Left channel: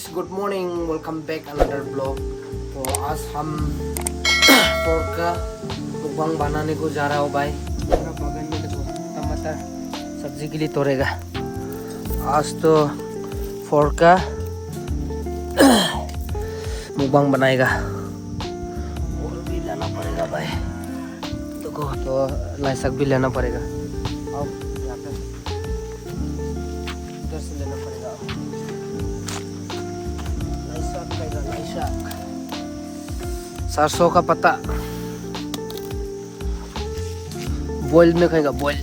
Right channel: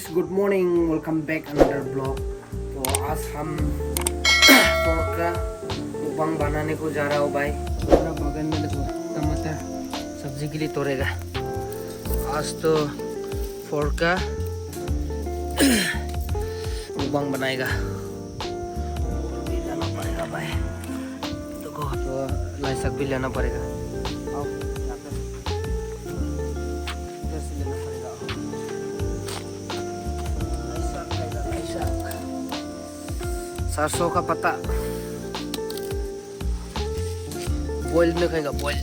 Guys, good morning, welcome back another blog. तो आज हम पोर्क का मुकबांग बनाने को जा रहा हूँ भाई। पूरा बागान में देखो टमाटर सब्जी के लिए तोड़ेगा। आज तो पोर्क का मुकबांग बनाएगा। भी लेना पड़ेगा भाई, तो लहसुन भी लेना पड़ेगा। सरसों का पत्ता बॉइल में खाएगा, बॉइल।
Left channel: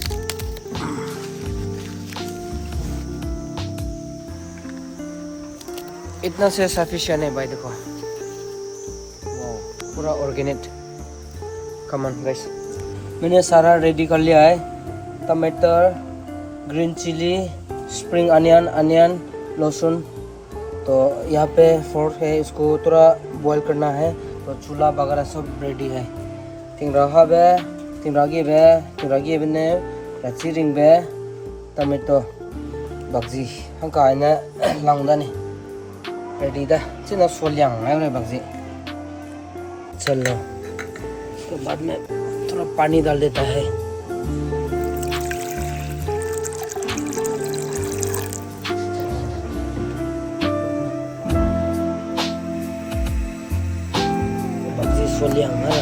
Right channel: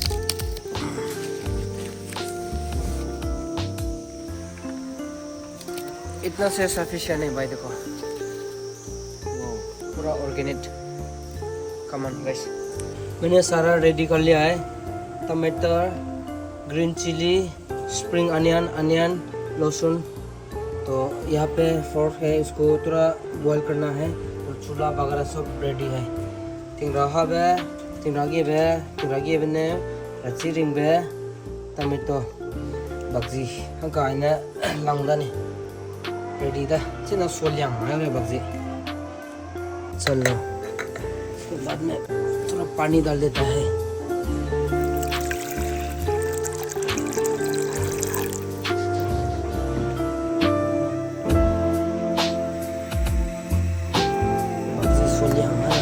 इतना से सफिशिएंट है भाई, देखो पूरा ऑर्गेनिक। कमन गाइस, मैंने सारा रेडी कर लिया है। टमाटर, ग्रीन चिली, स्प्रिंग अनियन, लहसुन। तो यहाँ पे फोर्क है, इसको थोड़ा बॉईल करना है। तो चूल्हा वगैरह सब रेडी है। tingragi bene rachiring be tomato bagzi hangka na langdani ready da china solyang है bagzi। चलो, उसके बाद में थोड़ा पानी डाल देता है। Solyang na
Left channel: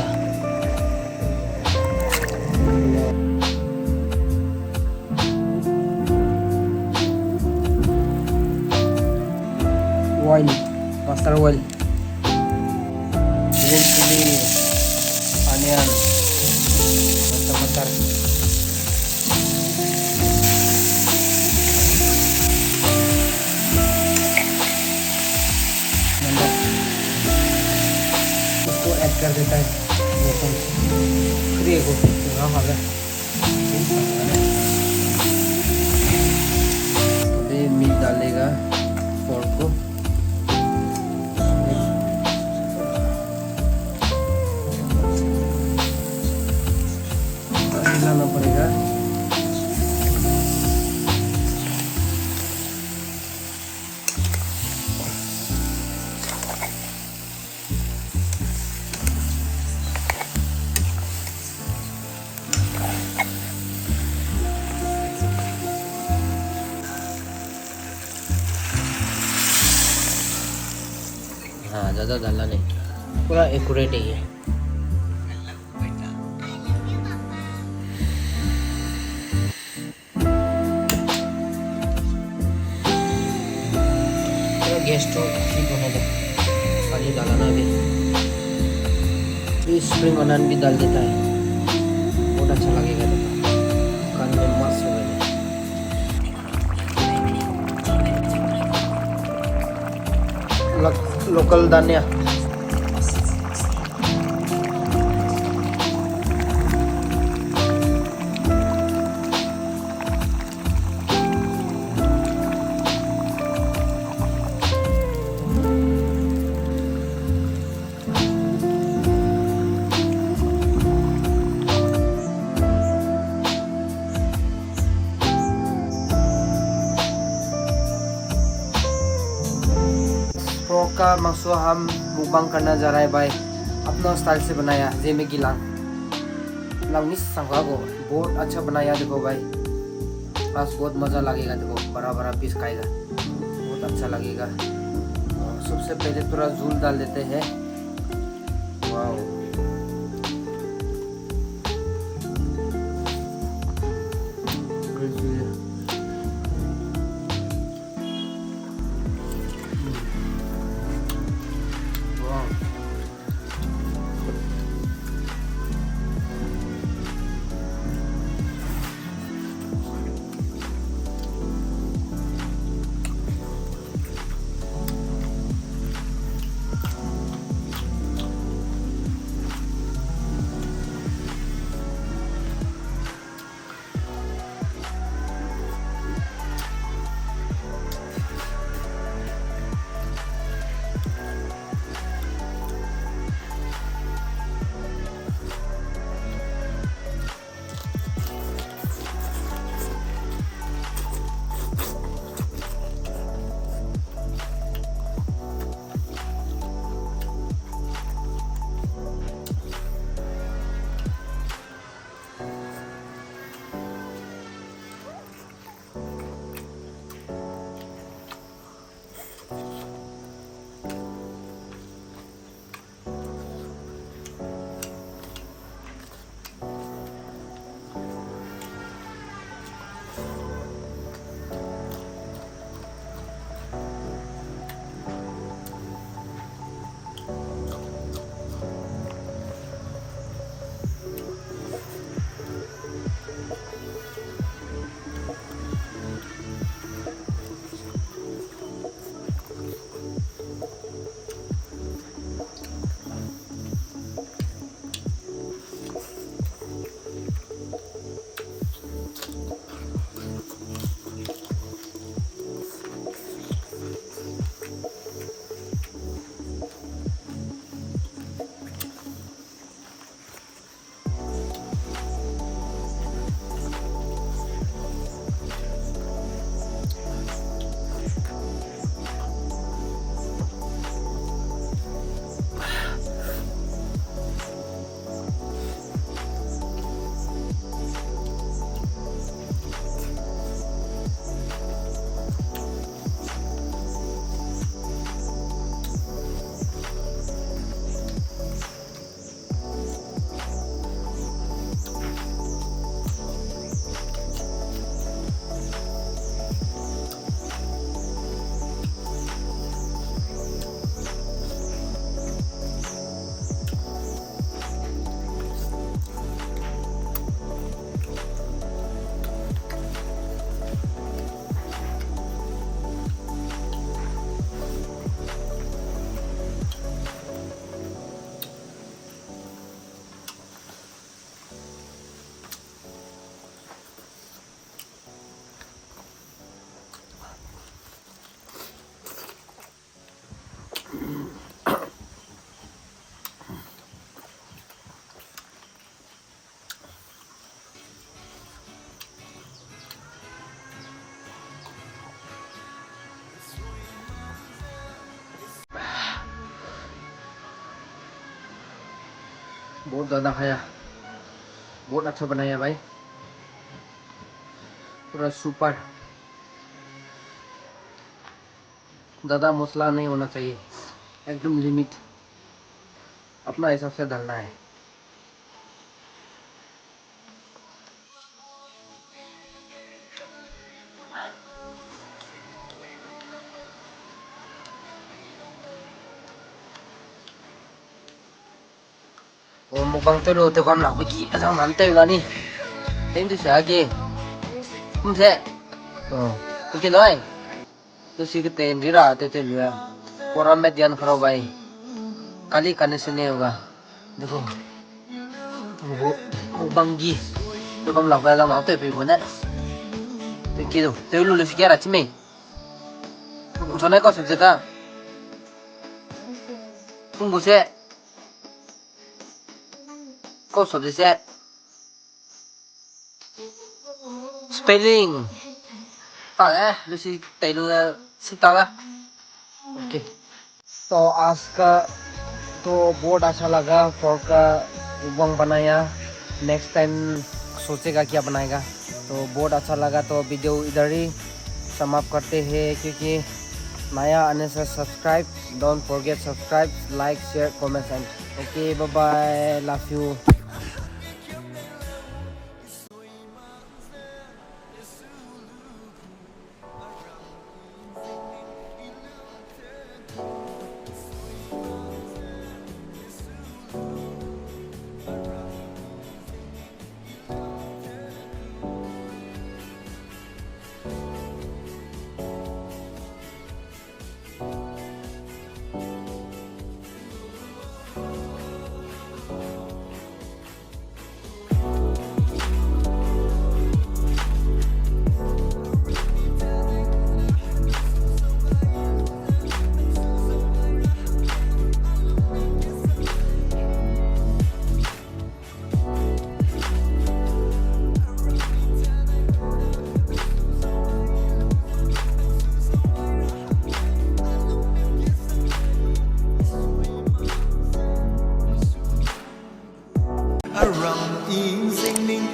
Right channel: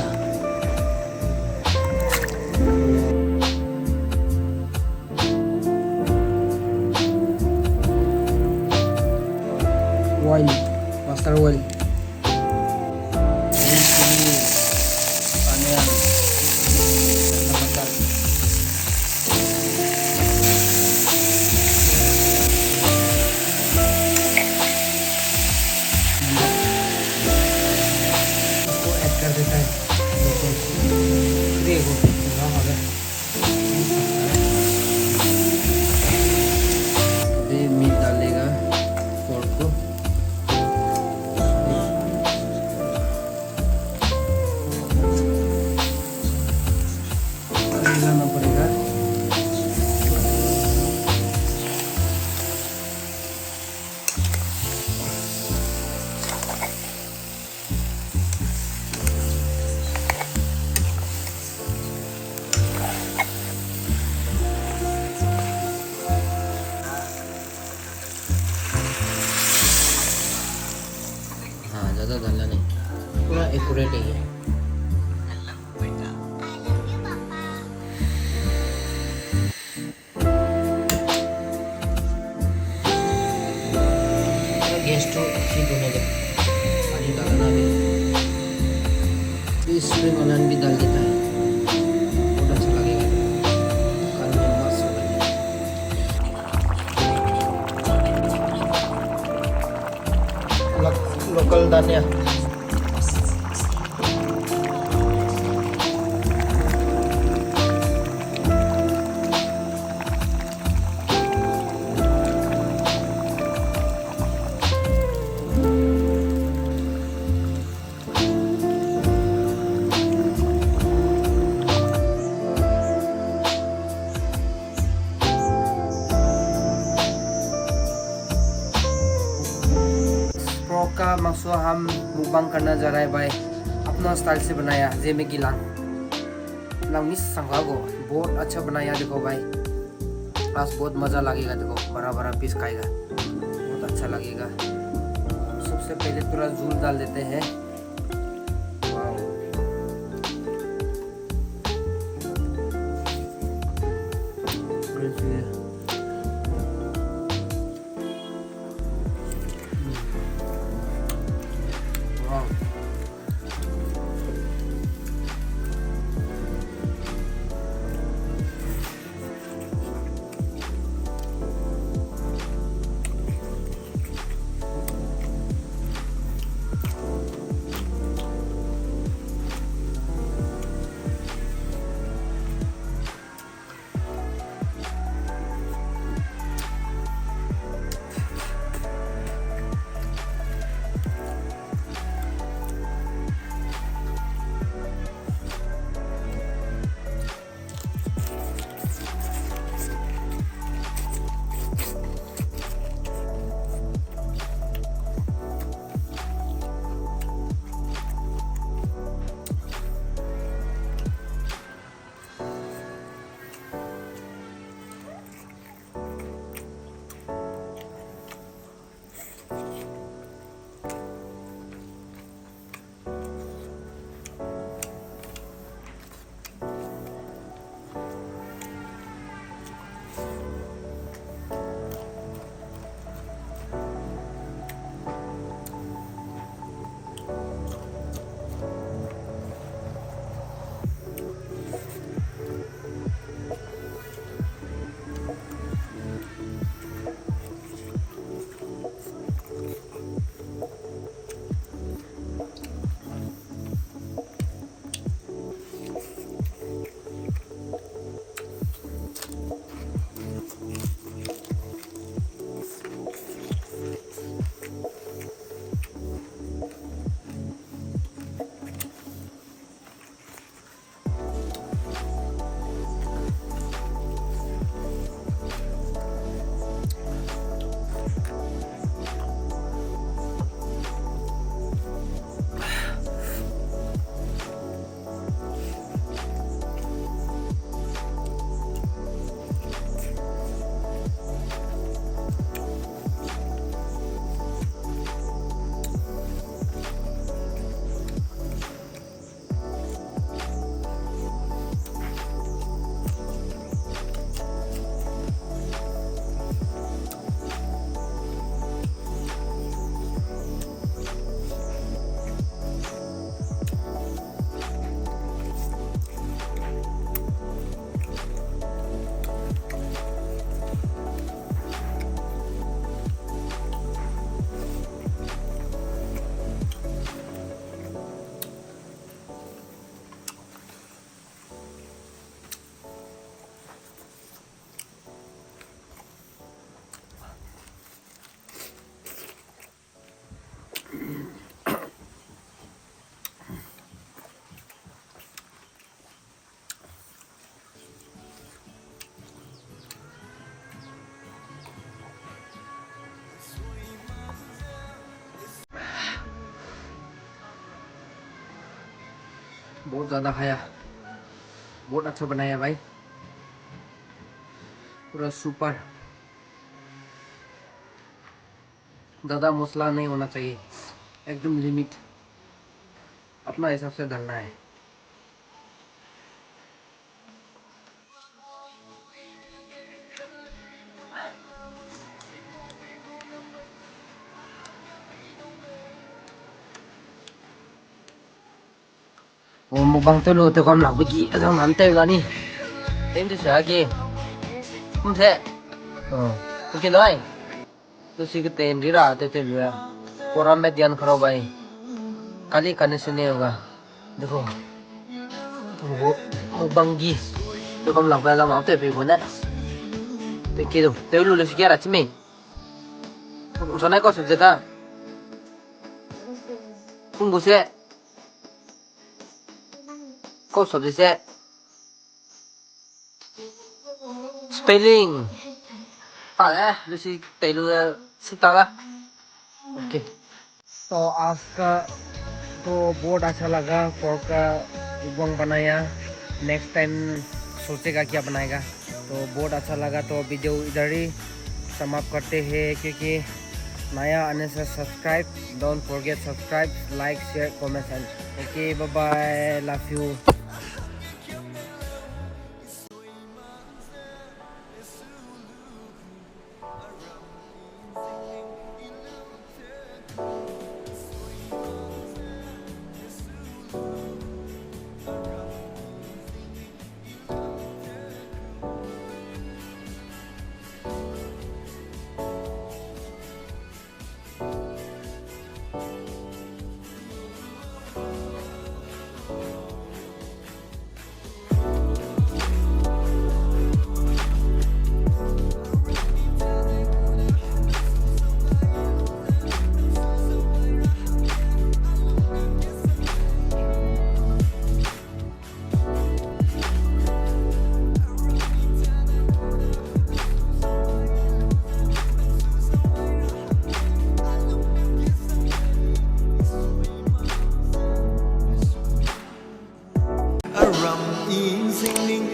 oil, mustard oil, green chili, onion, इसको ऐड कर देता है। अभी मीट डालेगा पोर्क को। हिलाना पड़ेगा। हाँ, ज़्यादा डालना नहीं, पूरा एक्यूरेट है ये। गैस तो ठीक होने दो, पानी डालना भी। ये स्प्रिंग अनियन भी डाल देता है, बहुत अच्छा लगेगा, खाने में मस्त होगा। लोकल धनिया, पोर्क का मांस हम मुकबांग करना जा रहा है भाई। अपना स्टाइल से बनाया, जे में गिलांग मिस संगागो बहुत अच्छा बनाया। देखो भाई, बस बहुत मज़ा लगेगा। देखो बड़ा बड़ा पीस खाएगा, बहुत अच्छा लगेगा। सबसे पहले थोड़ा झूल डाल देते हैं। वाओ, बहुत ज़्यादा खाया, बहुत अच्छा बनाया भाई, पूरा सुपर। ज़्यादा मसला नहीं होना चाहिए, एकदम लिमिट, अपना हिसाब से डालना है। Mukbang tulo te kon nak bagi asang nantai lah ni. Tem tu lagi. Se. Oh. Okey lai. Tu si ke tem dira te te lu. Koram में ध्यान करो भाई, खाली खाने से नहीं होगा। देखो वो मुकबंगी तो कम लग रहा है वहाँ पे भी बना तो किधर तो लूले से क्या रची में उसने को सोचा था तुम मुझे को सोचे से spelling है लूसी तेलु सीता ला ओके। तो आज का तो बहुत अच्छा लगा, फोर्क का मुकबंग बनाया, नेक्स्ट टाइम सोचेगा क्या बनाएगा। तो बहुत अच्छा लगा, तो वीडियो इधर ही समाप्त करते हैं, क्योंकि नया आने से subscribe, don't forget subscribe, like, share, comment and okay, bye bye, love you. Aram in singing